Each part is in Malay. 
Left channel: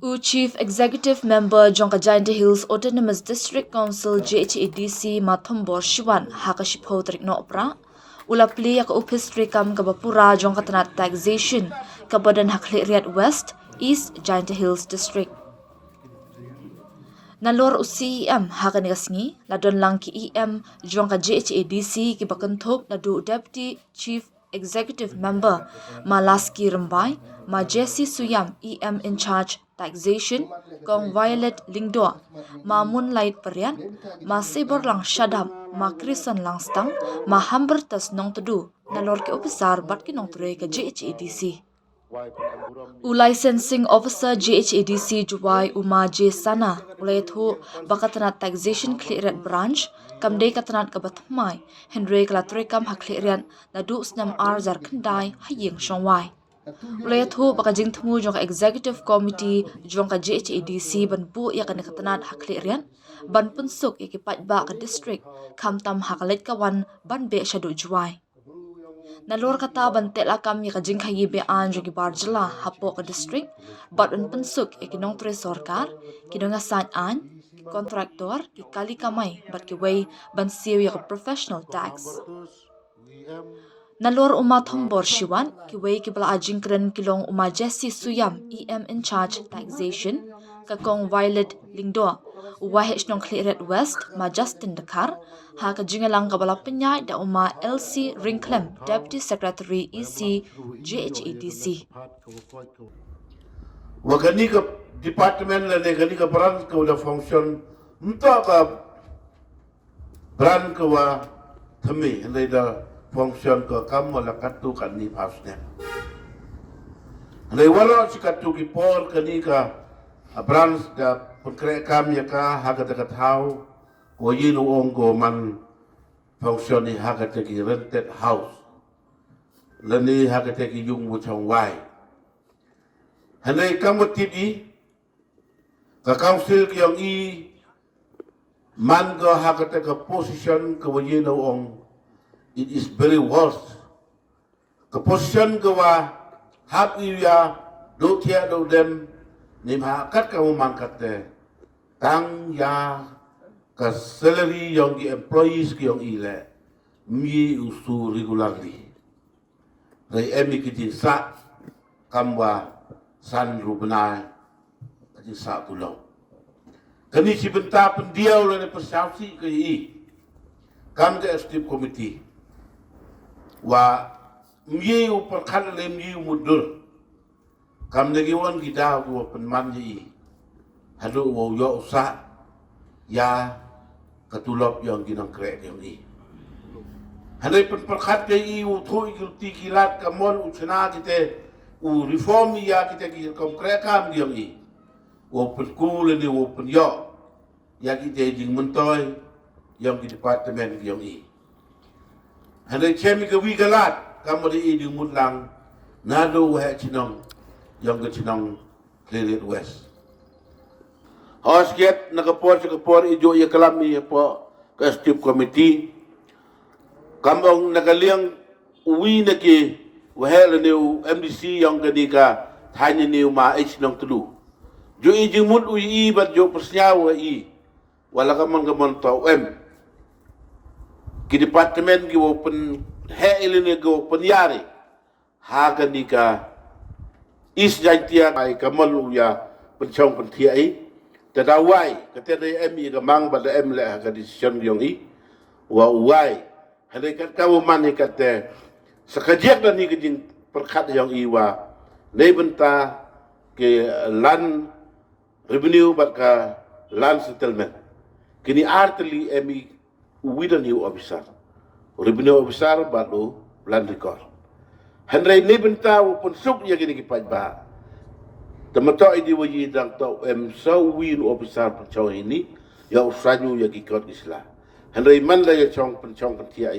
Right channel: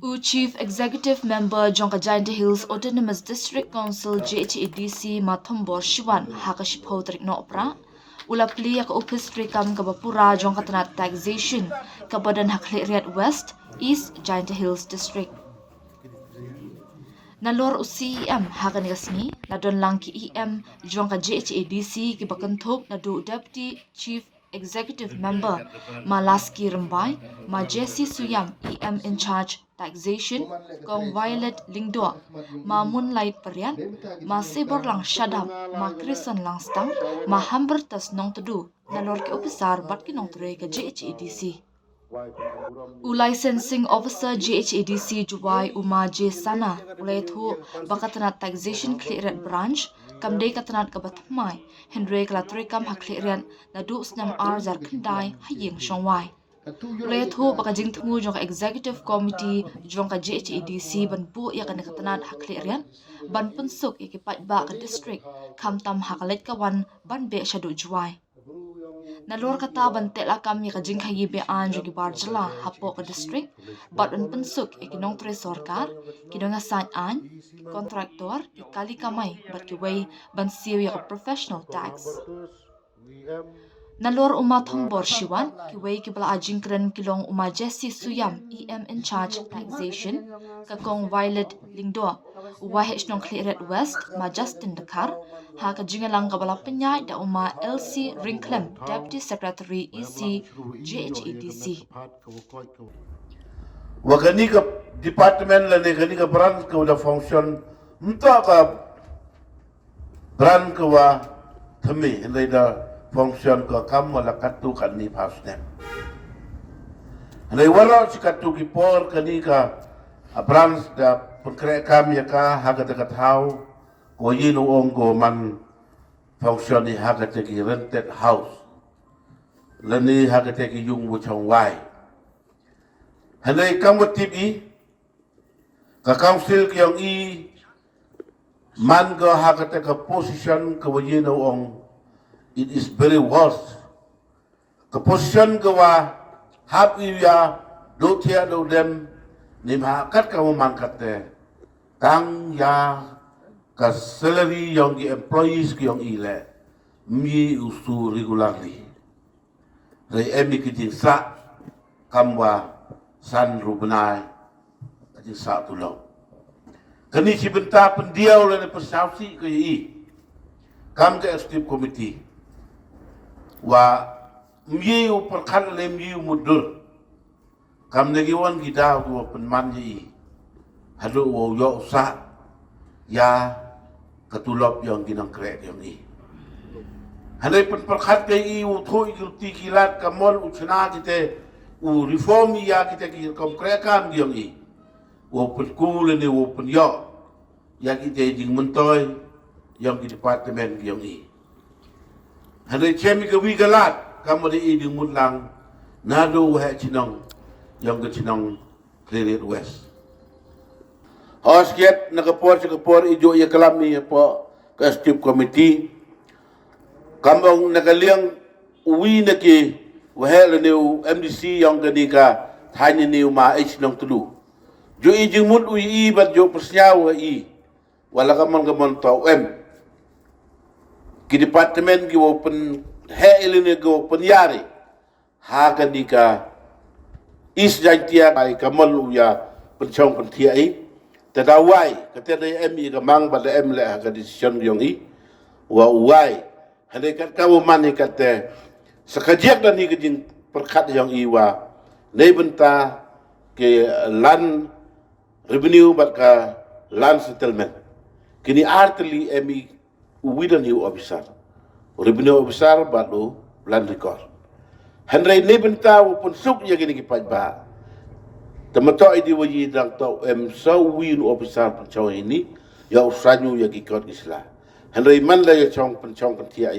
Chief Executive Member Jongkajayante Hills Autonomous District Council JHADC Mathombor Shiwan Hakashipho Trikno Opra Ulapli yak Upistri Kam Kabapura Jongkatanat Taxation Kabadan Hakliriat West East Jayante Hills District. Nalor UCEM Hakanigasni Ladon lang ki EM Jongka JHADC Kibakantok Nadu Deputy Chief Executive Member Malaski Rambai Ma Jesse Suyam EM in charge Taxation Kong Violet Lingdo Ma Moonlight Parian Ma Sibor lang Shadam Ma Krison lang Stang Ma Hambertas Nong Tudu Nalor ki Officer Bat ki Nong Ture ka JHADC. Licensing Officer JHADC Juwai Uma J Sana ulay thu bakatanat Taxation Clearance Branch kamday katanat kabatmay Henry Kalatrikam Haklirian Nadu Snam R Zarkandai Haying Shongwai ulay thu bakajing tmu jong Executive Committee jong ka JHADC banpu ya kanikatanat Haklirian ban punsuk ikipat ba ka district kamtam hakalit kawan ban be shadu Juwai. Nalor kata bantela kami kajing kayibe an jogi barjala hapo ka district bat un pensuk ikinong tre sorkar kinong asan an kontraktor ikali kamay bat kiway bansiw ya professional tax. Nalor Thombor Shiwan kiway kibala ajing kren kilong Jesse Suyam EM in charge taxation kakong Violet Lingdo wahich nong Clearance West ma Justin Dakar ha kajingalang kabala penyai da LC Ringklem Deputy Secretary EC JHADC. Wagani ka department la ne gani ka branch ka da function mta ka branch ka wa thami le da function ka kam wala katu kan ni pasne le wala si katu ki por kani ka branch da pekre kam ya ka ha ka thau ko yinu ongo man function ni ha ka ki rented house la ni ha ka ki yung mu chong wai hanay kamutid ka council kiyong man ka hakata ka position ka wajino ong it is very worse ka position ka wa hap iya do tia do dem nim hakat ka mangkat te tang ya ka salary yung employees kiyong ile mi usu regularly ray emi kitin sa kamwa san rubenai di sa pulau kani si benta pendiau le persausi ke kam ke stip committee wa miu perkan le miu mudur kam negiwan kita wa penman ji hadu wo yo sa ya ketulop yang kinang krek yang ni handai perkan pe u thui ti kilat kamon uchna kita reform ya kita ki konkrekan diam ni open school ni open yo ya kita jing mentoy yang di departemen diam ni handai chemi ke wi galat kamu di ding mutlang nado wa chinong yang ke chinong Clearance West Hosget nakapor ijo ya kalam ni po ka stip committee kambong nakaliang uwi na ki wahel new MDC yang gadika tanya new ma nong tudu jo ijing mut ui bat jo persnyawa wala kamon to ki departemen ki open heline go penyari ha gadika jantia ai kamon uya pencong pentia tadawai kata MI gamang pada le ka decision yang wa uai hade kat kawo man kata sekajak dan ni kejing perkat yang iwa nei benta ke land revenue bat ka land settlement kini artli emi uwidan you officer revenue officer batu land record handrai nei benta pun suk ya kini kipat ba tamato idi waji dang to so win officer penchong ini ya usanyu ya kikot isla handrai man la ya chong penchong pentia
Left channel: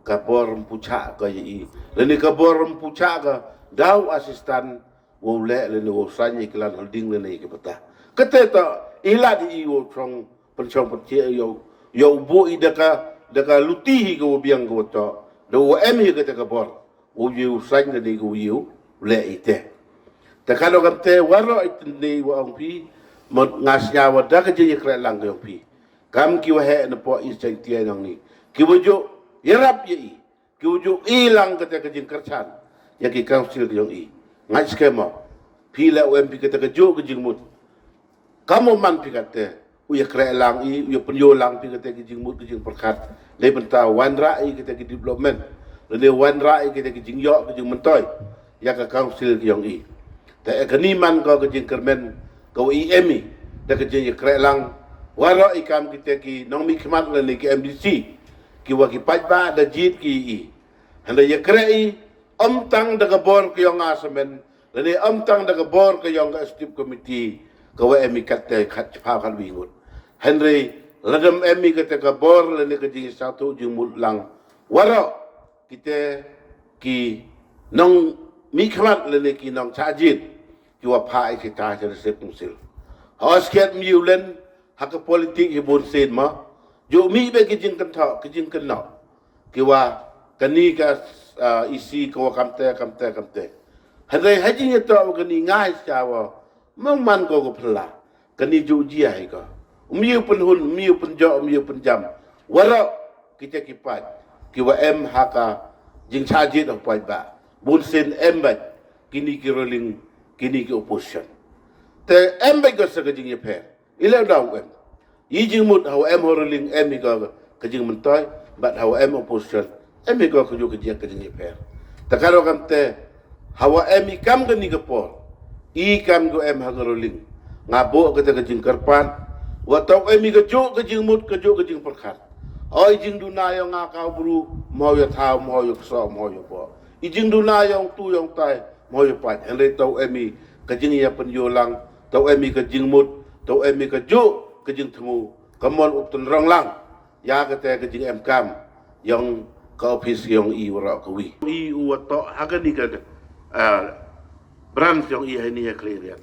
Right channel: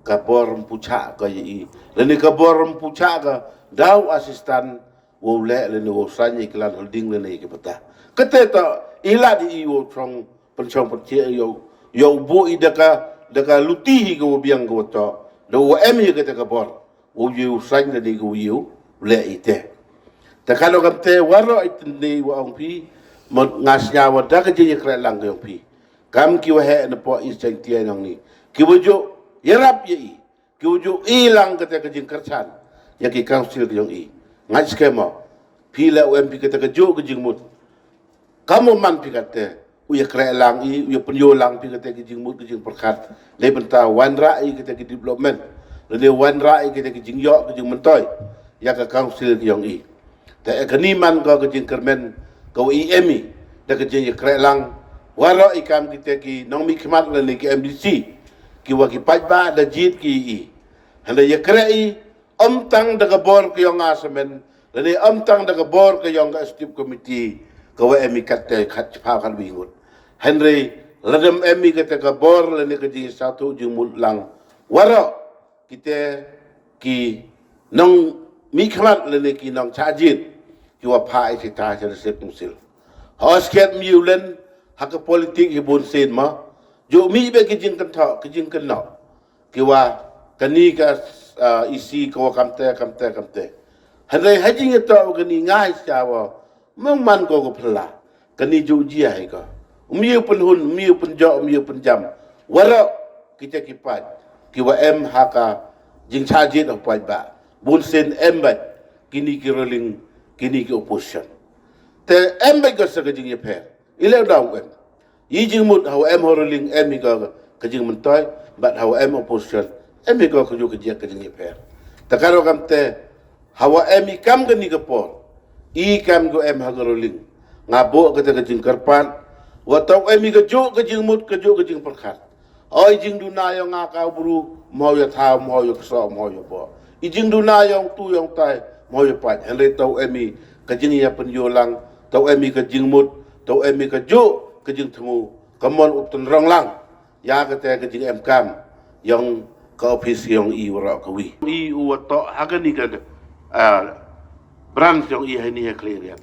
kabor rempuca ka leni kabor rempuca ka daw asistan wo le leni wo sanye klan holding leni ke peta kete ta ila di wo trong penchong pentia yo bo daka lutihi ko biang ko to do emi ke kabor wo yu sanye leni ko yu le ite Takano kante waro itindi wa ong pi ngasnya wada ke je kre lang ke pi. Kam ki wa he na po is chang tia nang ni. Ki wuju yarap ye. Ki wuju ilang ke te ke jing kerchan. Ya ki council ke yong i. Ngai skema. Pi la UMP ke te ke ju ke jing mut. Kamu man pi kate uya kre lang i uya penyo lang pi ke te ke jing mut ke jing perkat. Le benta wan rai ke te ke development. Le wan rai ke te ke jing yo ke jing mentoy. Ya ke council ke yong i. Ta ekaniman ko ke jing kermen ko IMI da ke jing kre lang waro ikam kita ki nong mi khmat le ki MDC ki wa ki pajba da jit ki i handa ye kre i tang da bor ki yong asemen le tang da bor ki yong stip committee ko wa emi katte khat pa kan bingut henry ladam emi kate ka bor le ke jing satu jing mul lang waro kita ki nong mi khmat le ki nong chajit ki wa phai si ta se se tumsil hosket miulen hak politik hibun sen ma jo mi be ki jing kan tha ki jing kan no ki wa kani ka isi ko kamte hanai hajing to kani ngai cha wa mong man ko ko phla kani ju ji hai ko miu pen hun miu pen jo miu pen jam waro kita ki pat ki wa em haka jing chajit of pai ba bun sen em ba kini ki rolling kini ki opposition te em ba ko sa jing ye phe ile daw em yi jing mut how em horoling em go ka jing mun toy but how em opposition em go ko ju ka jing ye phe ta karo kam te how em kam ga ni ga por I kam go em ha horoling ngabo ka ta jing karpan wa taw em ga ju ka jing mut ka ju ka jing perkhat oi jing du na yo nga ka bru mo yo tha mo yo so mo yo bo I jing du na yo tu yo tai mo yo pa en le taw em ka jing ya pen yo lang taw em ka jing mut taw em ka ju ka jing thmu kamon utun rong lang ya ka te ka jing em kam yang ka office yang I wara ko wi I u to agani ka branch yang I ni ya clear ya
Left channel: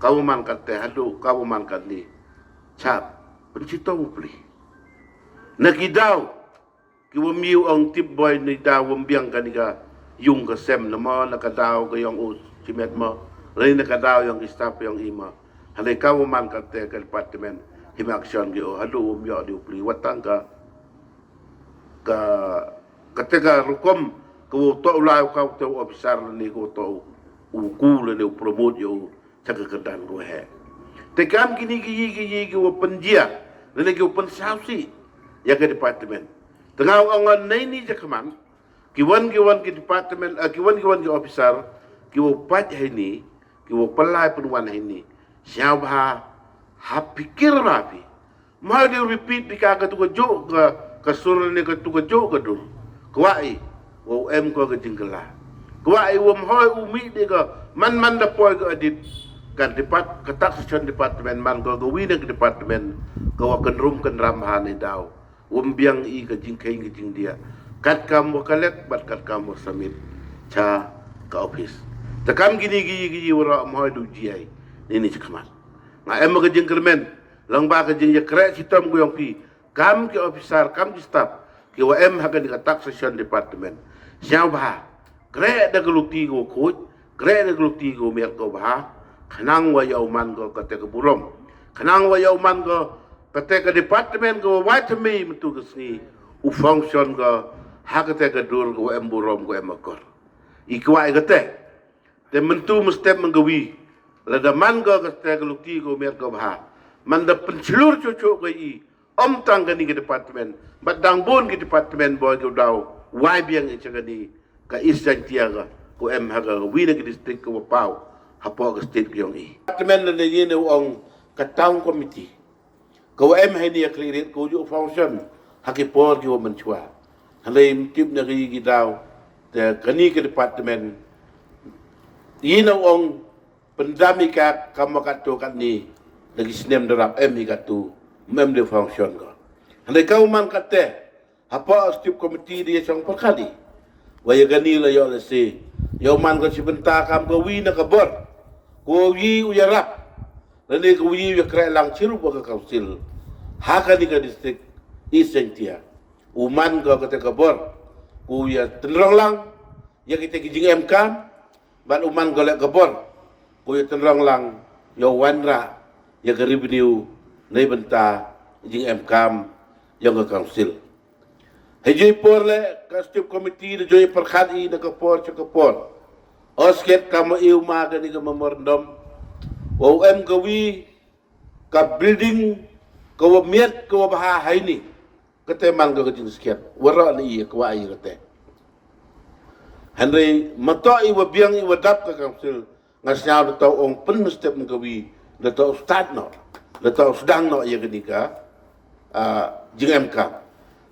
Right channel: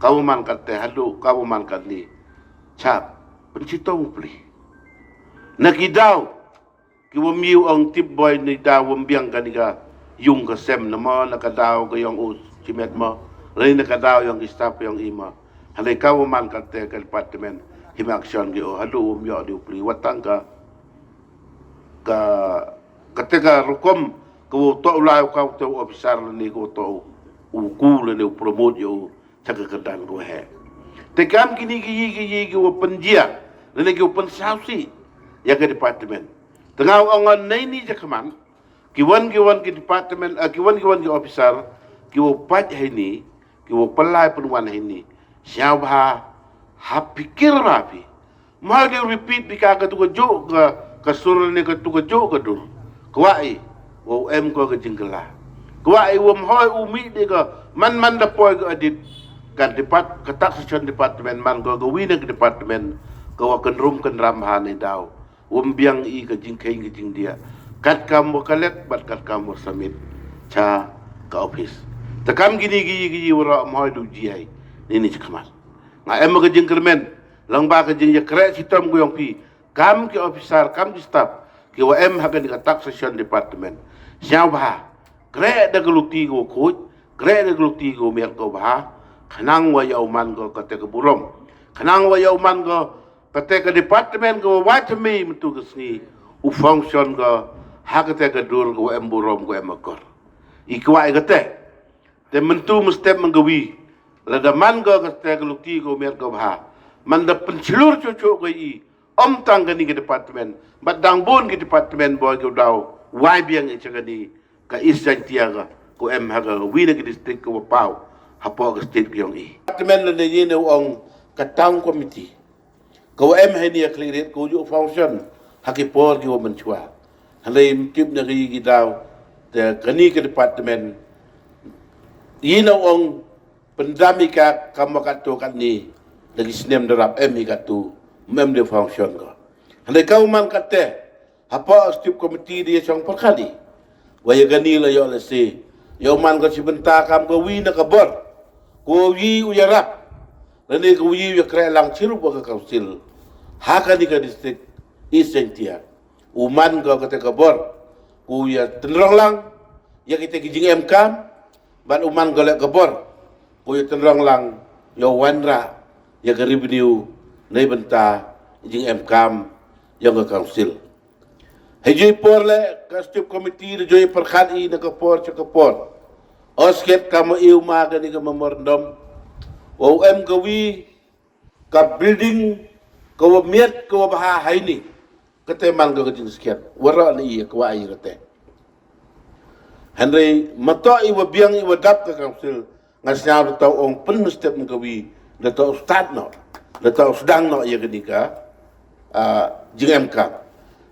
kau man ka te hadu kau man ka ni chap pencitong pli nakidaw ki wo miu ang tip boy ni daw biang ka ni ka yung ka sem na mo nakadaw ka yung simet mo rin nakadaw yung staff yung ima halay kau man ka te ka department himaksyon gi o hadu umyo di upli watang ka ketika rukom ko to ulai ka to officer ni ko to uku le promote yo taka kedan ko he te kam kini gi ko penjia le ko pensausi ya ke department tengah ongan nei ni jakman ki wan ki department ki wan ki officer ki wo pat he ni ki wo pelai penwan he ni siapa ha pikir rapi mau dia repeat di kagak tu jo ka suruh ni ka tu jo ka dul kuai wo em ko ka jingla kuai wo hoi umi de ka man da poi ka adit kan depat ka taxation department man ko wi na department ko wa kan rum kan ram ha ni daw biang I ka jingkai ka jing dia kat kam mo kalek bat kat kam mo samit cha ka office takam gini gi wara mo du ji ai ni chakmal na em ka jing kermen lang ba ka jing ya kre sitam ko yung pi kam ki officer kam ki staff ki wa em ha ka ni ka taxation department siapa kre da glukti go ko kre da glukti go mer ko ba kanang wa yau man go ka te ka burom kanang wa yau man go ka te ka department go wa te mi mtu ka sni u function go ha ka te ka dur go em burom go em akor I kwa ka te mentu mustep menggawi la da man go ka te ka lukti go mer go ba man da pencelur cucu go I tang ka ni ka department bat dang bon ka department boy go daw wai biang I chagani ka isang tiaga ko em ha ga wi na ka district ko pau hapo ka state ko yung I department na ni no ang katang committee ko em ha ni clear ko ju function hakipor jo menchua halay tip na ri daw te kani ka department yinaw ang pandami ka kamakato kan ni lagi sinem darap em ka tu mem de function ko halay ka man kate apa stip committee dia sang perkali waya gani la yo la se yo man ka sibenta kam ko wi na ka bor ko wi uyarap lani ko wi ya kre lang chiru ba ka council haka ni ka district isentia uman ko ka te ka bor ko ya tenrong lang ya kita kijing em kam ban uman ko le ka bor ko ya terang lang yo wanra ya ke revenue nei benta jing MKM yang ke council. Hejui por le ka stip committee de joy perkhat I na ka por cha ka por. Osket kama iu ma ga ni ka memorandum. Wa em ka wi ka building ka wa miet ka wa baha haini. Kate man ka jing sket. Wara ni ka wa ai kate. Henry mato I wa biang I wa dap ka council ngasnya tau ong pen step ni ka wi da tau start no. Da tau sedang no ya ka ni ka jing MK.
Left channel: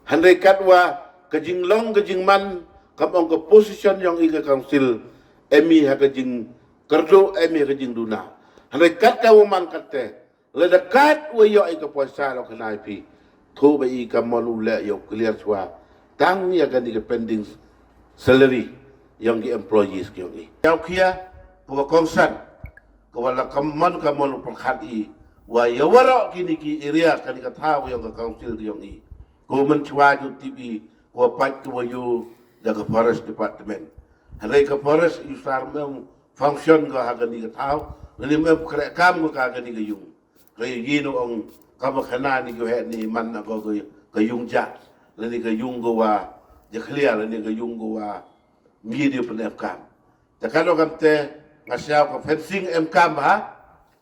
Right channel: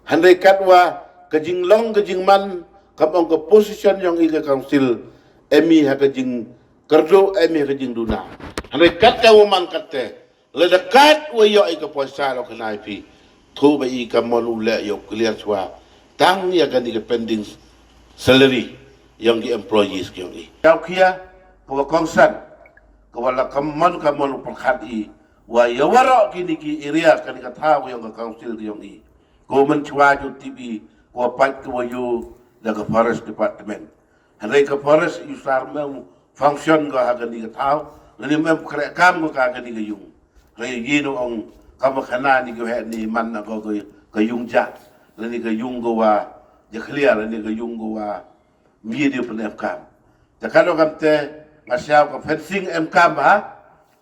Handai katwa kejing long kejing man kapong ke position yang ika council emi ha kejing kerdo emi kejing duna. Handai kat ka man katte le dekat wa yo ika puasa lo kenai pi thu ba ika mon ule yo clear swa tang ya kan ika pending salary yang di employees yang I. Tau kia ko kongsan ko wala kamon perkhat I wa yo wara kini ki area kan ika tahu yang ke council yang I. Ko mencuba ju TV ko pat ko yo daga forest department handai ka forest usar mem function ga haga ni tau ni mem kre kam ko ka ni yung re yinu ong kam khana ni ko he ni man na ko ka yung ja ni ka yung go wa je clear ni ka yung go wa mi di pen kam ta kalo kam te ngasya ko fencing kam ha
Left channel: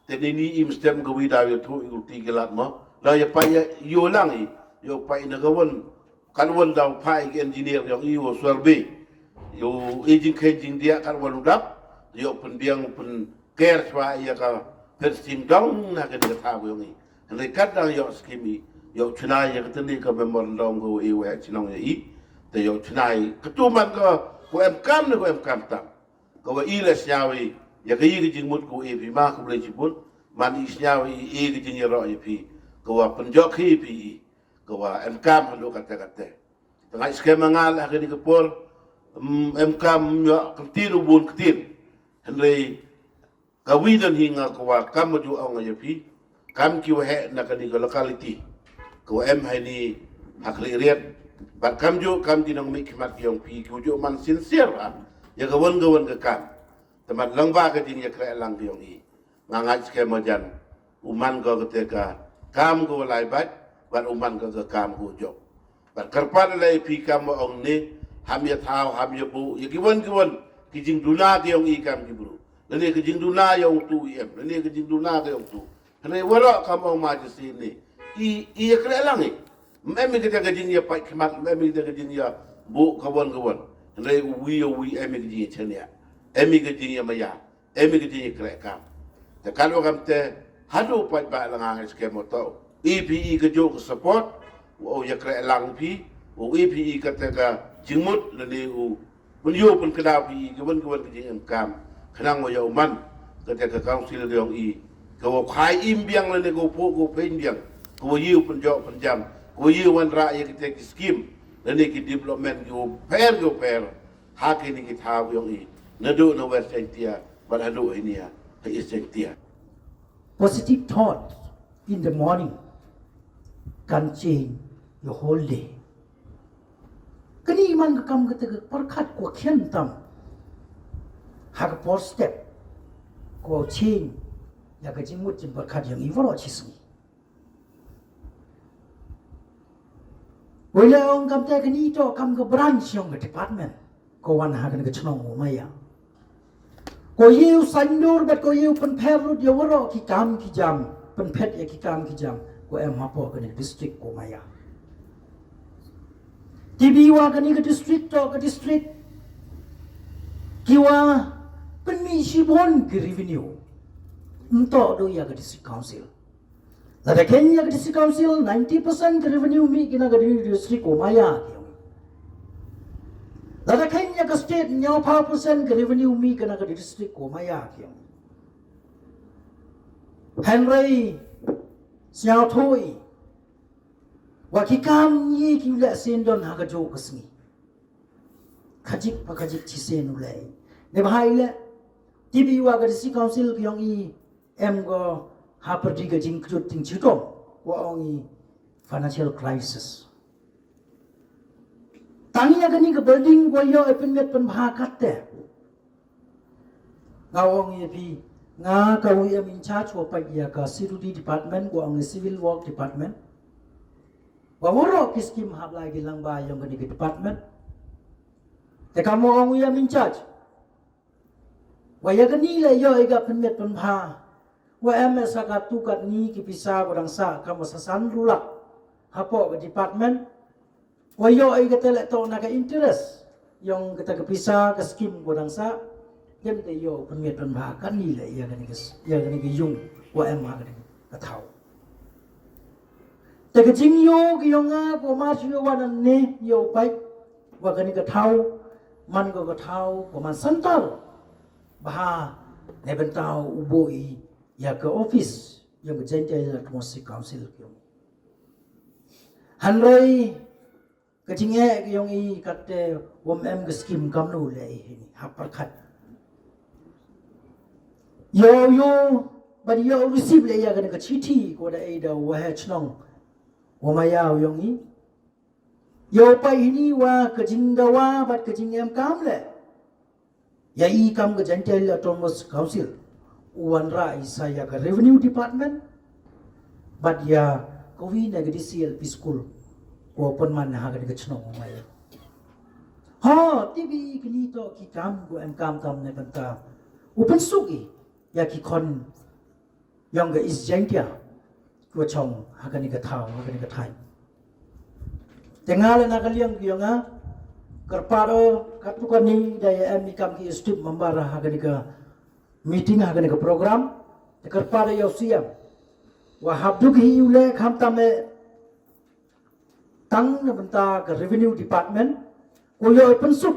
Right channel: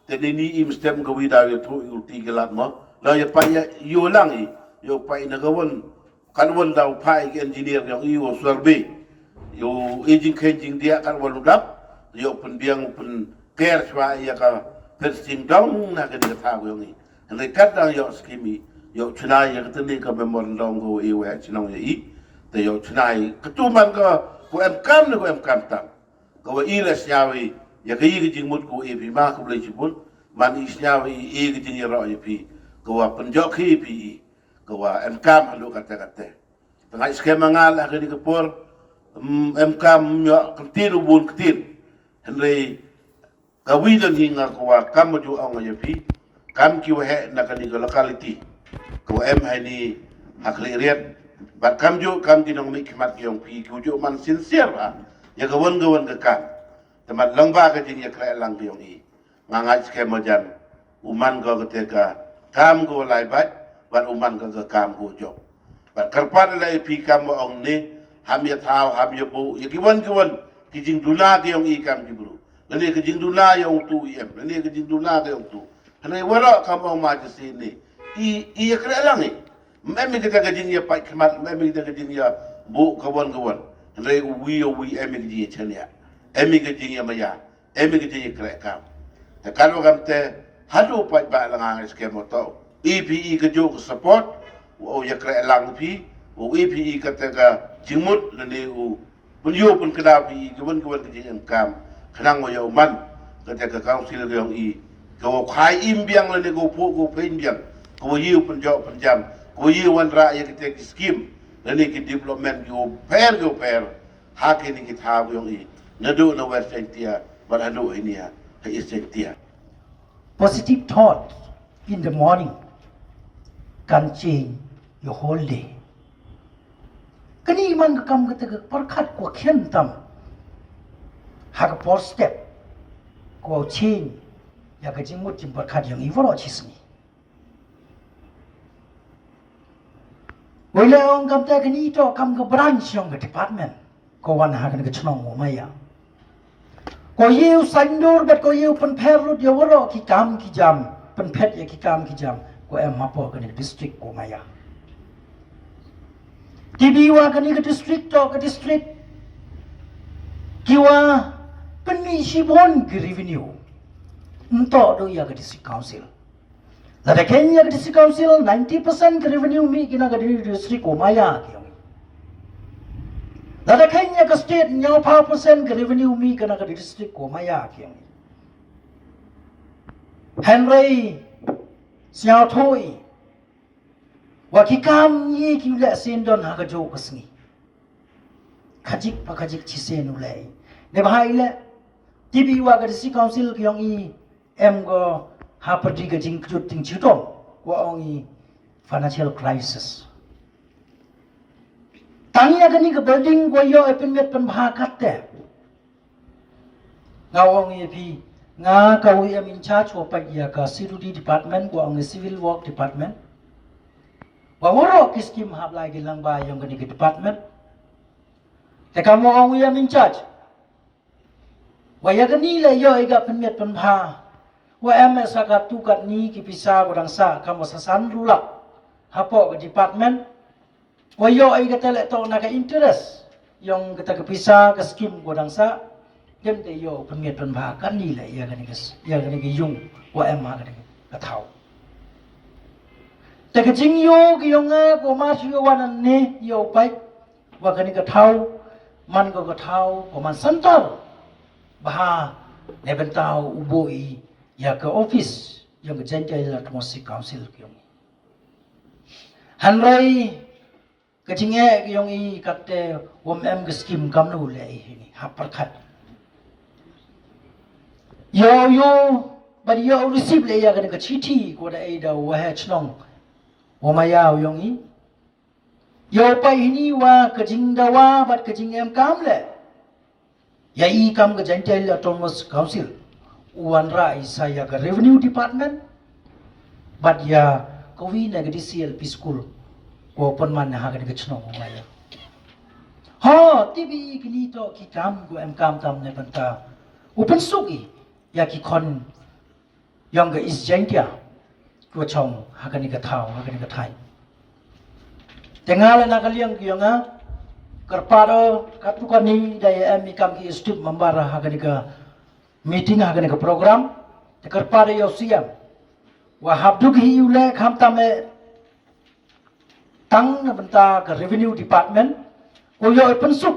te ni im stem ko wi da yo tu ti gelat mo la ya pa yo lang I yo pai na kawan kanwan daw pai engineer yang iyo survey yo aging kejing dia kanwan udap yo penbiang pen care swa ya ka fencing down na ke dia tahu yang ni andai kata yo skimi yo chnai ya keteni ka memorandum go iwe chnong ya I te yo chnai ketuman ka ko MKM na ko MKM tang ko iles nyawi ya ka yi jing mut ko e bi ma ko le jibun man is nyawi e jing ya ro ya pi ko penjok hi pi kawa MKM halu kata-kata. Tengah skema ngal akan dikepor MKM yo ketin ubun ketin. Henry kawidan hinga kawa kam ju ang ayapi kam ki wahe na kani locality. Kawa em hai ni hakli riat bat kam ju kam dinong mi khmat yong pi ku ju man sincere ha. Ya kawan ka kam. Temat langba ka jing ya kra lang yong I. Ngangat skema jan uman ko keteka kam ko lai bat ban uman ka kam ko job ban karpan lai pi kam ong ni ham ya thao ham ya bu ya kiwan kijing duna ke ong I kam jibru lani kijing duna yong tu em lani kijing duna ke ong tu hane wara kam ong ma ji sini I ya kra lang ni memi kita kijing ya pai khmat memi kita kijing ya bu kawan hane wi emi kijing chania emi kijing ya maya emi kijing kra kam ta kalau kam te hadu pai ba lang skema to EPE ke jo support o ya kra lang pi o EPE ka ta ka jingmut le u penyo pun kada pi kawan ke jing kam khanang mo ya man ka ta ka council yong I ko khai im biang le go po go pen biang ko yu pen jo pen jam ko yu wan ra ya ke scheme le ni ki development go pair ha ke ni ki tha yong I na do na west india but hadu ini ya is india positive thought in the morning can change your whole day. Kani man kam kata perkat ko khen tam hak por step ko change ya ka jingmut jim perkat yang ivaro chisni. Wala ong kam ta kani to kam ka branch yang ka department ko wan ha kan ka chnong mo maya. Ko yu sandur bet ko yu pen perut ya waro ki kam ki jam pen pet ya ki kam ki jam ko em mapo kan district ko maya tibiwa kan ke district to ke district kiwa peni sibon ke revenue ento do ya ke district council la de Kenya ke district council 90% ke revenue mi kina ke district ko maya la de Kenya ke state nyau pa percent ke revenue mi kina ke district ko maya Henry Siao Thôi Wakikam yi ki le sendon ha ka jo kasni Kajik pa kajik chi sen ulai ne bahai le tibi wa ka si council ki yong I em go ha party ka jing jut ting chutong wa ong I financial crisis Tangnya ka ni ka building ko yo epin met pan bha kat te ngawong I pi nga ka we am in charge wa pa ya ka security department ko ang civil work department wa woro ki scheme hab lai gi lang ba yang ke department te ka mo ang we am in charge wa ya ka ni le yo ai ga pen met pen pha wa am sa ka tu kat ni ki pisa ko dang sa ka mo sa san rula hapo ke department wa yo ai ga tele to na ka interest yang kita ke pisa ke scheme ko dang sa dem te yo pen met pen pha kan ni le ya ga ni ki yung wa am ma ga ni ka thauแต่ก็จริงโยกยงเอก็มาชิววันนี้โยไปว่ากันนี่ก็เท่ามันก็เท่าก็มันสันตอบ้าในบรรดาอุโบยอยากก็ออฟฟิศยังก็เจนใจละทมสิกาวซิลกยงฮันไรก็จริงเอกยงอีกัดแต่วมเอ็มก็สกิมกำนูเลยนี่ฮับประคัดโยบัดโยรีซีฟเลยอยากกันก็ชีทีก็ได้ดาวว่าเฮชนอง我们要用伊，有拜尼哇，个金的哇，把个金em cam le，ya i cam个真正了，Thomas Council，วันra saya ke Revenue Department，บัดya kau ini ke di CLP School，我本mana ha ke ceno我们ya，ha TV kini to ki cam ko em cam tam ne banta，open sugi ya ki kon yang ke is jengkia。ตัวชงหากันนี่ก็เท่าหากันนี่ก็ไทยแต่งานเลยนักเลี้ยงกี่ยังอ่ะกระปาโดกัตุกันนี่ได้มีคำที่สติปมันบาร์หากันนี่ก็มีติ้งหากันนี่ก็โปรแกรมแต่กระปาโดยเสียงว่าหับดุกฮิวเล่คำตามเอตั้งในบรรดากับ Revenue Department ก็ยอมเป็นสุข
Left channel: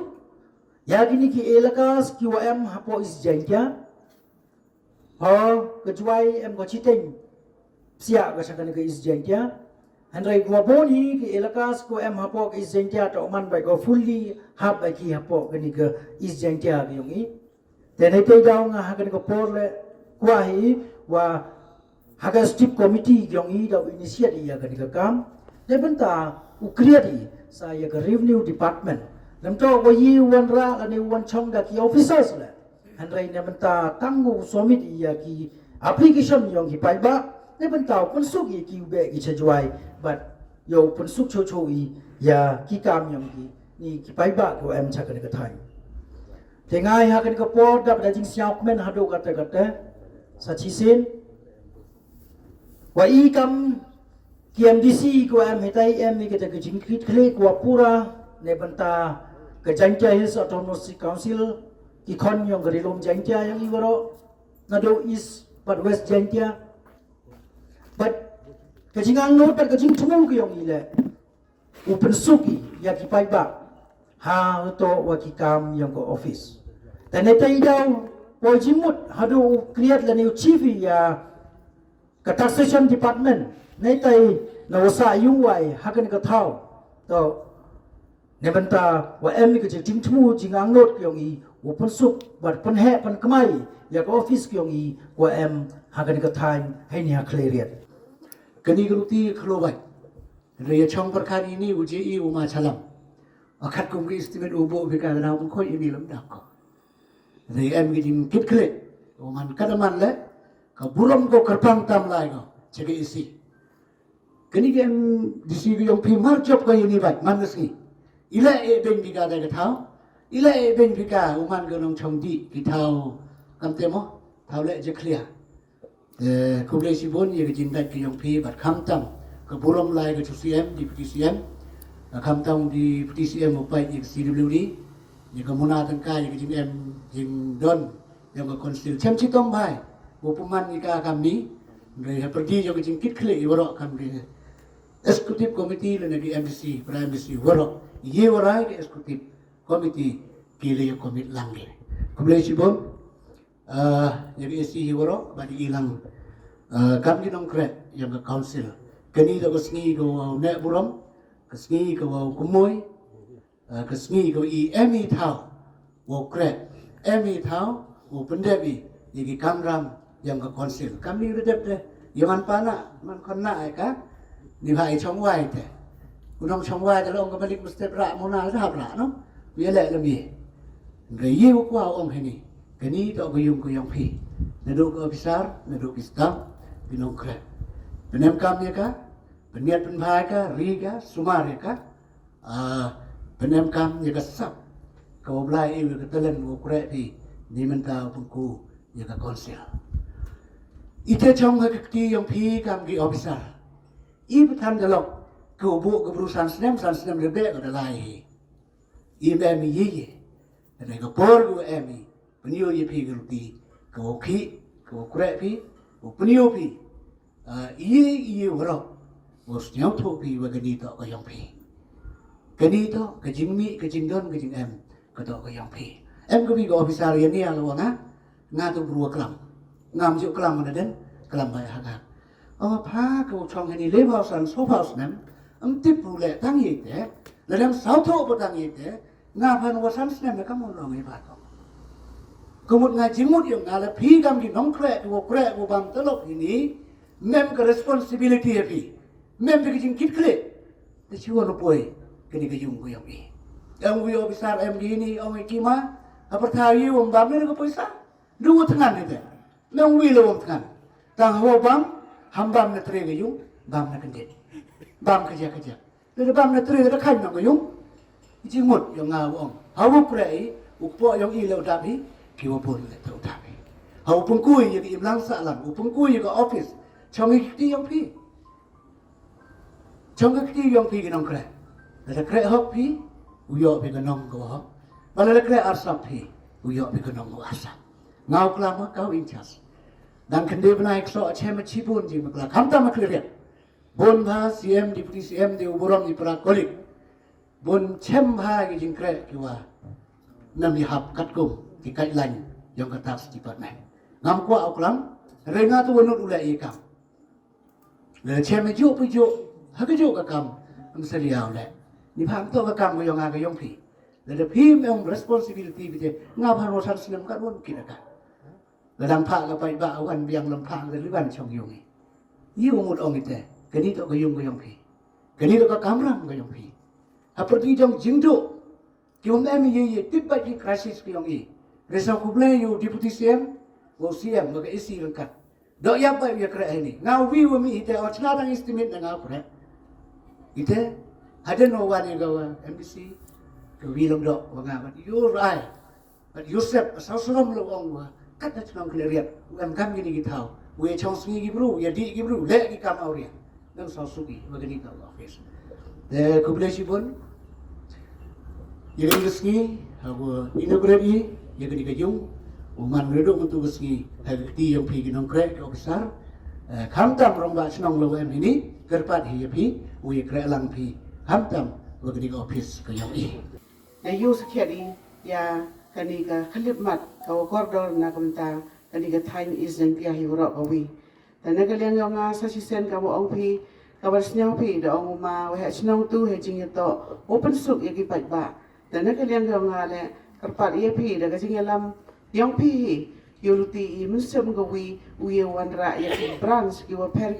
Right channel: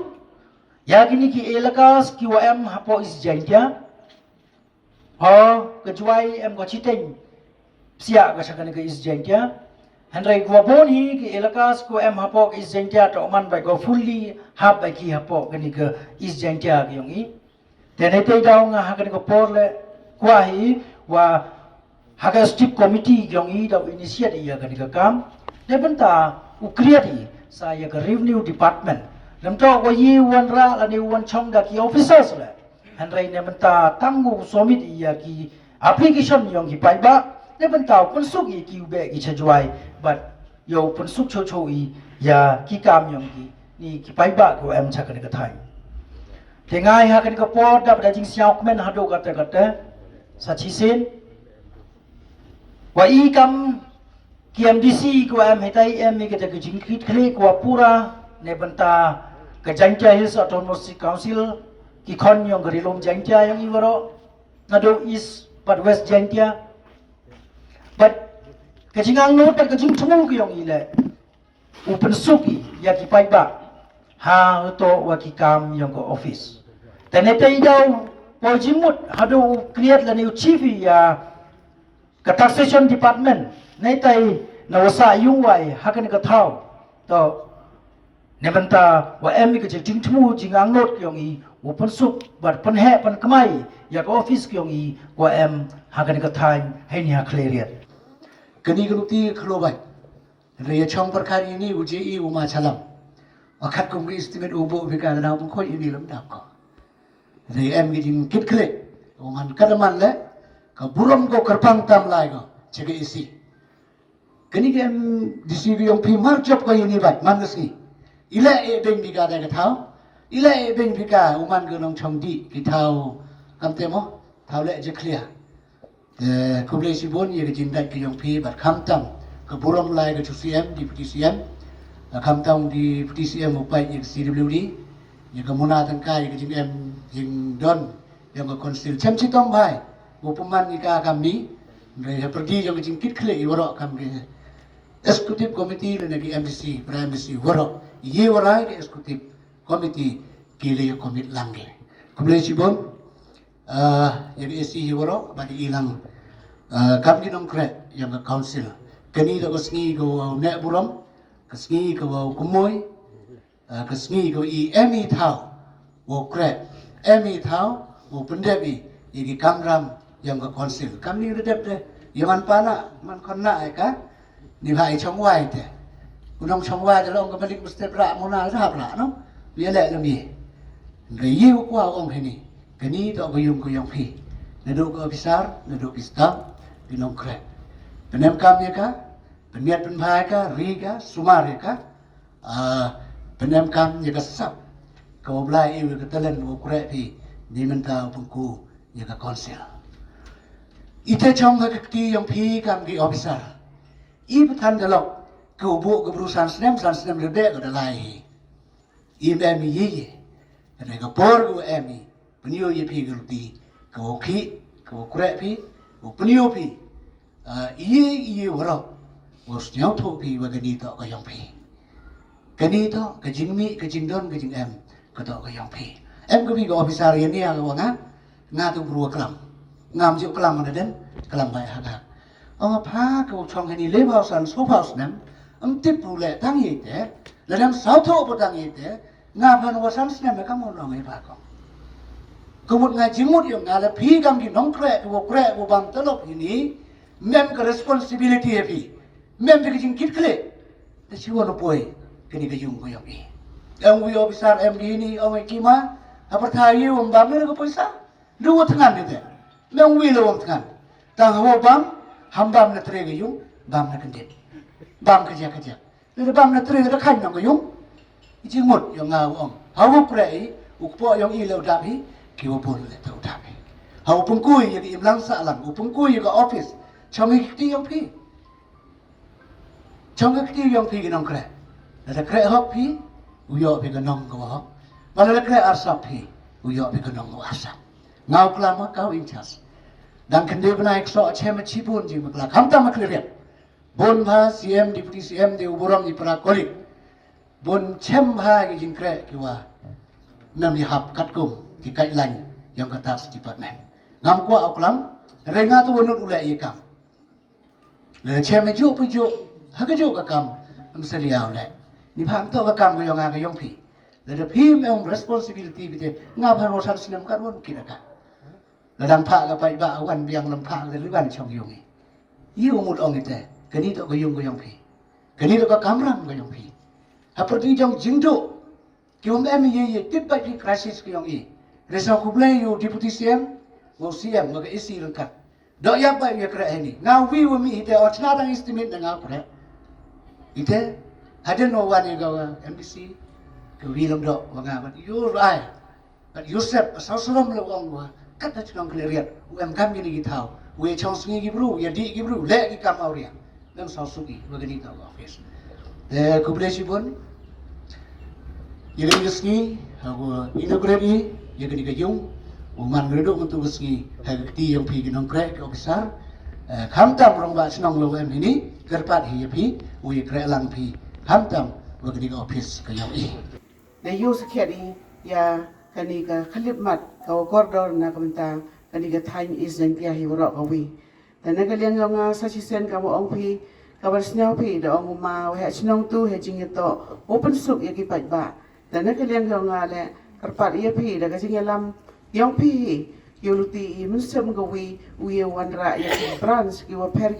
อยากนี่กี่เอลกาสกี่ว่าหับพออิสจัยเดียพอกระจายก็ชิดเองsiap kasakan ke isjentia Henry gua boni ke elakas ko hapok isjentia to man bai go fully hap bai ki hapok ke ni ke isjentia ke yong i tenai te daw nga hakan ko porle kwa hi wa haga strip committee yong i daw initiate ya ke ni ke kam de benta u create saya ke revenue department lam to ko yi wan ra la ni wan chong da ki officers le Henry ne benta tangu somit ya ki application yong ki pai baในบรรดาคนสุกีกิวเบกิชจวยบัดโยคนสุกโชอียากิกามยองกีนี่กิไปบ้ากูชักกันก็ไทยแต่ง่ายหากันก็ปอดดับแต่จริงเสียวมันหาดูกันแต่สัจฉิสินว่าอีกำเกียมดีซีกูให้ไทยมีก็จะจริงคิดคลีกว่าปูระในบรรดาก็จังใจฮิสออโตโนมัสคาวซิลกิคอนยองกริลมจังใจยังอีวรอนาดูอีสปัดเวสจังใจbut kajingang no pat kajing tumu kyong ile open suki ya ki pai ba ha to wa ki kam yong ko office tenete daw po jimut hadu create la new chief ya ka taxation department nei tai na wasa yung wai hakan ka thau to ne banta wa em ki jing tumu jingang no kyong i open suk but pan he pan kamai ya ko office kyong i wa em hakan ka time hai ni ha clear kini keluti keluar, raya chong perkara ini uji uma calam, akat kumki istimewa ubo berkata dah pun kau ini lemdak kau, raya em gini kit klik, oman kadaman le, kau buram kau kerpang tam lagi kau, cek isi, kini em disi yang primar job kau ini baik, mangas ni, ila beng bika dah ketau, ila beng bika uman kau nong chong di ketau, kam temo, tahu le je clear. Kumulasi bon ia kejindat ke yang pi bat kamtam ke buram lai ke CM di PTCM kamtam di PTCM upai yang CWD yang kemuna tangkai ke JM yang don yang ke konsil cem citong bai upaman nika kami mereka pergi yang kejingkit klik warok kami eksekutif komiti dan lagi MDC Prime MDC warok ye warai ke eksekutif komiti kili komit langge kumulasi bon yang isi warok bagi ilang kami nong kret yang ke council kini tak kesengi kau nek buram kesengi kau kumoy kesengi kau emi thau wo kret emi thau wo pendebi yang kamram yang ke council kami redep deh yang pana man kena ka ni hai chong wai te kunong chong wai je long kembali mesti pra mona sahap la no biar lek lebih gayu kwa ong ini kini tak kuyung kuyung pi Naduk ke ofisar, naduk ke staff, ginong krek. Penem kami ka, peniat penbahai ka, riga, sumar ka, penem kami ka sap. Kau belai ibu ketelen kau krek pi, ni mentau pengku ka konsil. Ite chong ka kekti yang pi kami ofisar. Ibu tan dalok, kau bu ke perusahaan senem lebih ke dalai. Ibu ye, kadang kapor kau peniu ye pi gerti, kau ki, kau krek pi, kau peniu pi. Iye warok, was nyau tu pi wagani to kau yang pi. Kani to, kajing mi, kajing don, kajing kau to kau yang pi. Kau pi kau ofisar ye ni agak wana, ngatu berua kelam, ngam juk kelam mana den, kelam baik agak. Apa kau cong ini lebausan, sopausnem, tip pulek tang ite, ladang sauto potang ite, ngapan wasan snem kamu orang iba kau. Kemud ngaji mud yang ngala pi kam ki nong krek ku bang telok ini, mem ke responsibility pi, mem ke jing kit kle, dah siwa no poi, kini ke jung ko yang ni. Yang wi officer MD ini orang kima, apa tahu bam ni ko poisa, dua tangan ni deh, mem wi lo tangan, tang ho bam, hambam na tre ke jung, bam na kendit, bam kerja, lalu bam na tre ke kan nong jung, jing mud yang ngau hawu prei, ukpo yang ilau dapi. Kiwa pun le tau tapi. Hau pengkui yang imlang salang, pengkui yang office, chongi kiti yang pi. Chongi kiti yang pi ginong kre. Ada kre hok pi, uyo pi ginong ko hok. Mana le kre asap pi, uyo pi ginong ko asap. Ngau kelama kau incas. Dan kende benaik so cema cipun jing makla. Kamta makliriat. Bon bha CM deputy CM di uburam di para kolik. Bon cem bha jing kre kiwa. Nam hap katkum. Di guideline yang kata department. Ngam kuat oklam, renga tu wenut ulai ikam. Le cem ju puju, hak ju kakam, amseliau le. Ni pam tu kakam ke yang agak pi. Le de pi memang responsibility bite. Ngap harosan senam kan pun kira kan. Ladang pak kapai ba awan biang lempak le luan chong yungi. Iu mud ong ite, kini tu ke yang pi. Kini tu ke kamram ke yang pi. Seperti jong jingdu. Kium ye tiba di krisis ke yang i. Resau kublai yo deputy CM, wo CM mo ke isi lengkap. Dok ya ba ye kra ini. Ngau wi wo mi ite o chna dang estimate na ngau kra. Ite ada no one yang gawa MDC ke wi lom dok wa ngam yo rai. But Yosef sasalam lo ong wa kat na chnong kleriat. Em kam ni gi thau. We chong sngi gi bru, ya di gi bru, le gi kam auria. Nang sa suki wa gani ka office. De kublai sibun. Ye gani sngi hawa inaugurate yang kini kejung, uman gedung untuk keski hati yang pergi nong krek officer, kamtam rong bak senong lo ini kerpat hiya pi, uye krek lang pi, kamtam begini office ke yang ini. Na yu sekali ya kani ka khalip mat kau koridor na kamenta kani ka time is yang pia hiwro kawi. Dan na kaliang yung sasisen kamu ong pi kabar sinaw pi do ong ma wa sinong tu he jing ito open soup ya kipat ba. Dan na kaliang yung le kerpat ia pi dah kasi ngalam yang pi yuluti musem gawi uye wanra ya branch kiwa per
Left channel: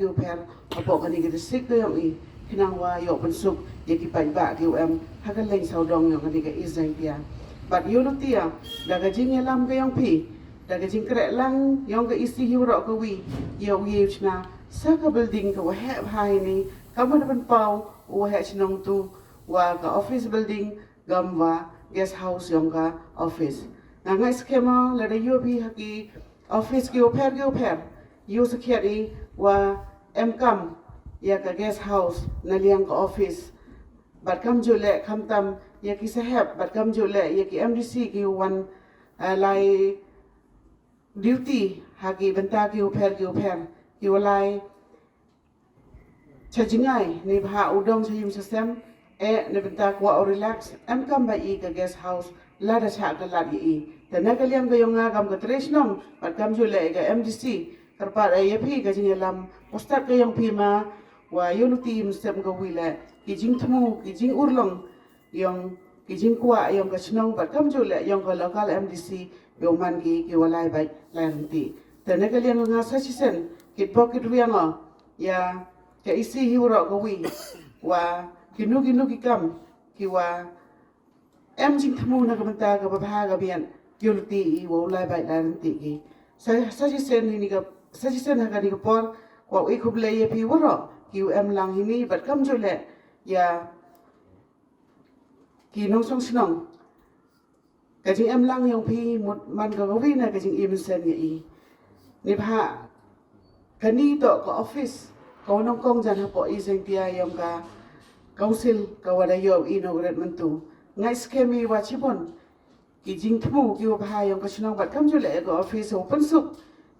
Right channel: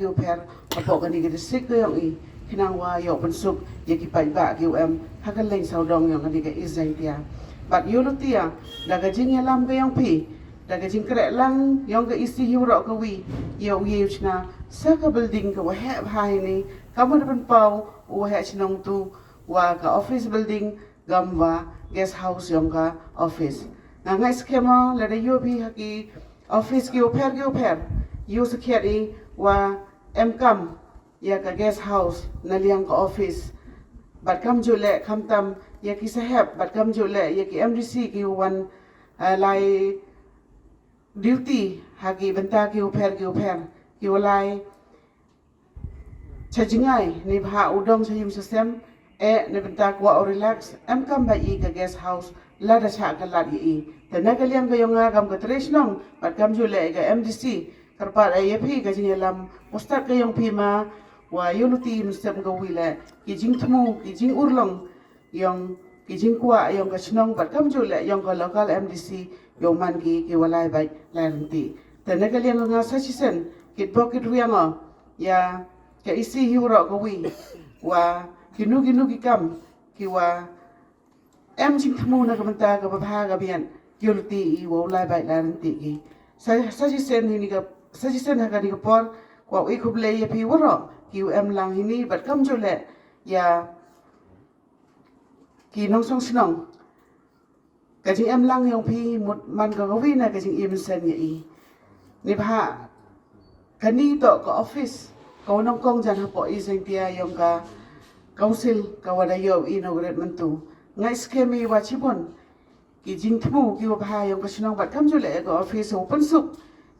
apa kani ke district yang i kinang wa yo pensuk ya kipai ba kiu hakan lain saudong yang kani ke izang tia but yuluti ya dah kasi ngalam ke yang pi dah kasi krek lang yang ke isi hiwro gawi ya uye uchna sa ka building ka wa he bhai ni kaman ban pau wa he chinong tu wa ka office building gamwa guest house yang ka office. Nangay skema lada yobi haki office ki uper yu sekiri wa MCAM ya ka guest house naliang ka office. Bat kam jule kam tam ya ki sahab bat kam jule ya ki MDC ki wan lai duty haki benta ki uper ki walai chajingai ni bha udong chayim system ne benta kwa relax kam ba i ka guest house la da cha ka la i ta na kaliang ga yong gam ka tres nong pat kam jule ga MDC karpa ai phi ka jingelam postat ka yong phima wa yunuti mustem ga wila ki jing thmu ki jing urlong yong ki jing kwa yong ka chnong pat kam jule yong ka local MDC yong man ki walai bai lanti ta na kaliang ga sasisen kit bokit wianga ya ka isi hiwro ga wi wa kinu ki kam kiwa jing thmu na kamenta ka babha ga bian yulti I wo lai bai lan ti ki Sajisen ini ka sajisen ha kani ka por kwa ikub le ya pi woro ki lang ini bat kam jole ya ki nong song sinong ka jing lang yong pi mut man ka gawi na ka jing sen ya i ni pha kani to ka office ko nong kong jan ha po i jing tia yong ka council ka wada yo inaugurate mentu ngai skemi wa chibon ki jing thmu ki wa pha yong ka sinong bat kam jole ka office open suk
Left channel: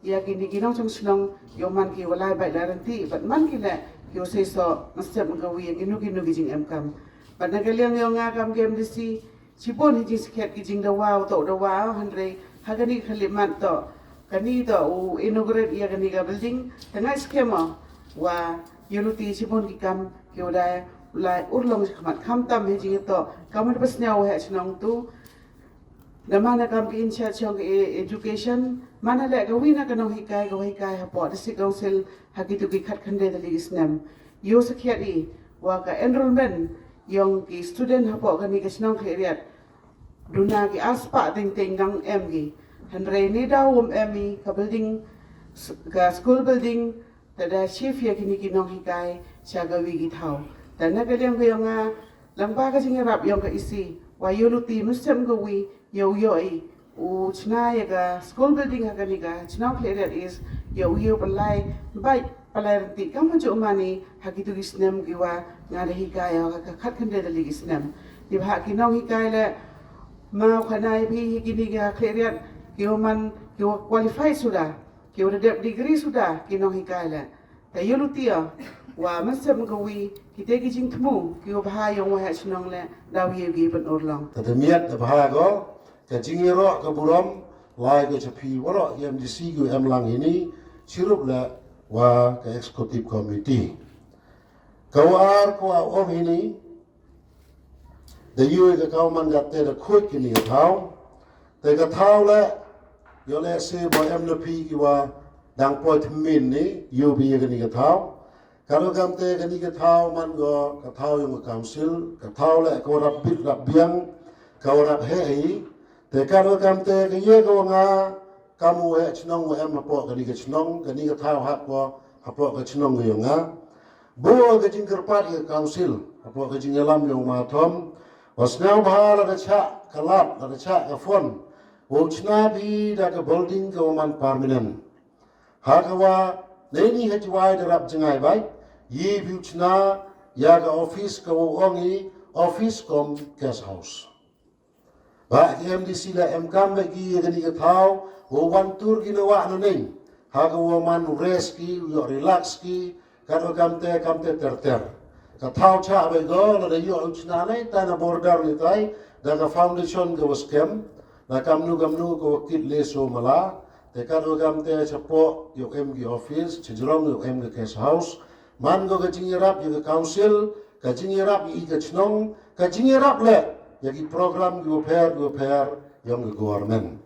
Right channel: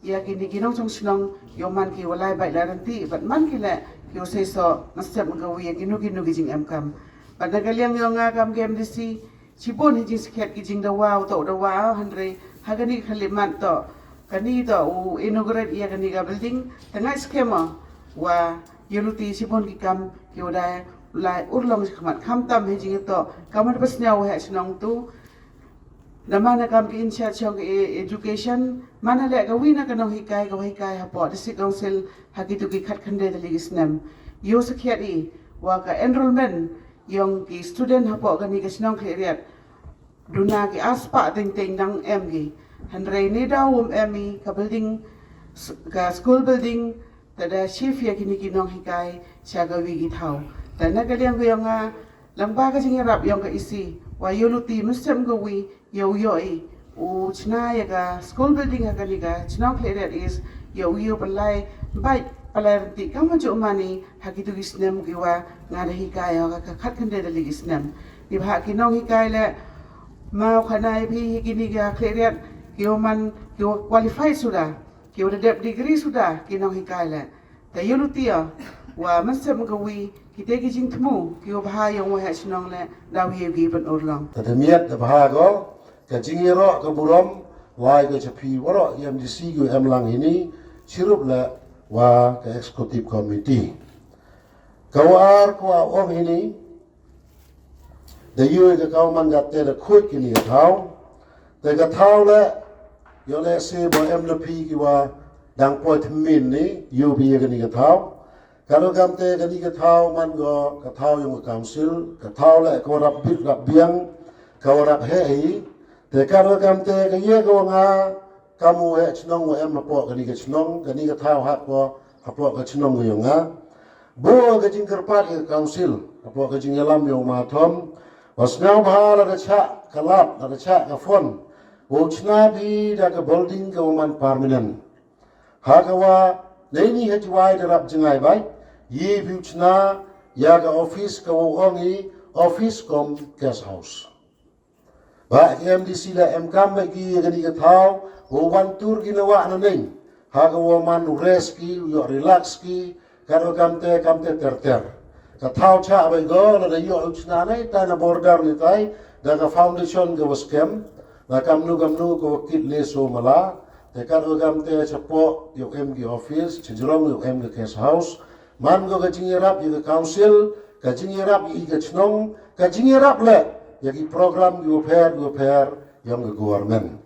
ya kini kinong chong sinong yo man ki walai bai daranti bat man ki le yo sei so nasab ngawi ya kinu ki jing kam bat nagaliang yo nga kam game disi chibon hi jing siket ki jing da wow to da wow hanre hagani khalimat to kani to u inaugurate ya kani ga building tangai skema wa yuluti chibon ki kam ki wadai lai urlong khmat kham tam hi jing to kamar basnya wa ha chinong tu Namana kam ki in charge of education mana le gawi na kanong hikai hapo district council hagitu ki khat khande da ligis nam yo sakhiat I wa ka enrollment yong ki student hapo kani ka sinong kheriat duna ki aspa ting nang gi hanre ne dawum emi ka building ka school building tada chief ya kini kinong hikai chagawi gi thau tana ka deng yong nga lamba ka jingrap yong ka isi wa yuluti musem gawi yo I u china ya ga school building ha kani ga china clear is yo balai bai palai ti kam ju mani ha ki tu gisnem ki wa nga hi ka ya ka khat khan de li gisnem ti bha ki nong hi kai le mau khanai phi ki ni ga clear ki man ki qualify sudah ki udah degree sudah ki nong hi kai le ta yo lu ti wa masam gawi ki te ki jing thmu ki bha yo wa ha chinong le daw ye gi ban orlong ta miat da bha go ka jingiro ka burom wai ka chapi waro MDC gu lang ini chirup la wa ka executive committee kawar ko ong ini the you ka kaw man gat te da khut ki ni thau te ka thau la yo le se bo MLP ki wa dang po thmin ni you bi ka ni ka thau kalau kam te ka ni ka thau man go ka thau yung council ka thau la ko rap bit rap biang ka rap he te karo kam te ka ye ko nga kamu e chnong mo em po ka ni ka chnong ka ni ka thau ha po ka chnong yo nga bo ka jing karpat ka council po ka jing lam yo ma thom wasnau bhala da cha kalap da cha ka fon bo chna bi da ka building ka man permanent ha ka wa nei ha jiwai da rap jingai bai ye bi chna ya ka office ka wo ongi office kom guest house ba MDC la MKM bagi gani ka thau wo wan tur ki lawa na nei ha ka wo man rest ki yo relax ki ka ro kamte ter ka thau cha ba go na da yo uchna nei ta na border ni tai da ka foundation ka waskem na kamnu ko kit le so mala te ka ro kamte chapo yo MG office chijrong yo MG guest house man go ka jingerap yo council ka jingerap I ka chnong ka jingerap le yagi program gu pair yang government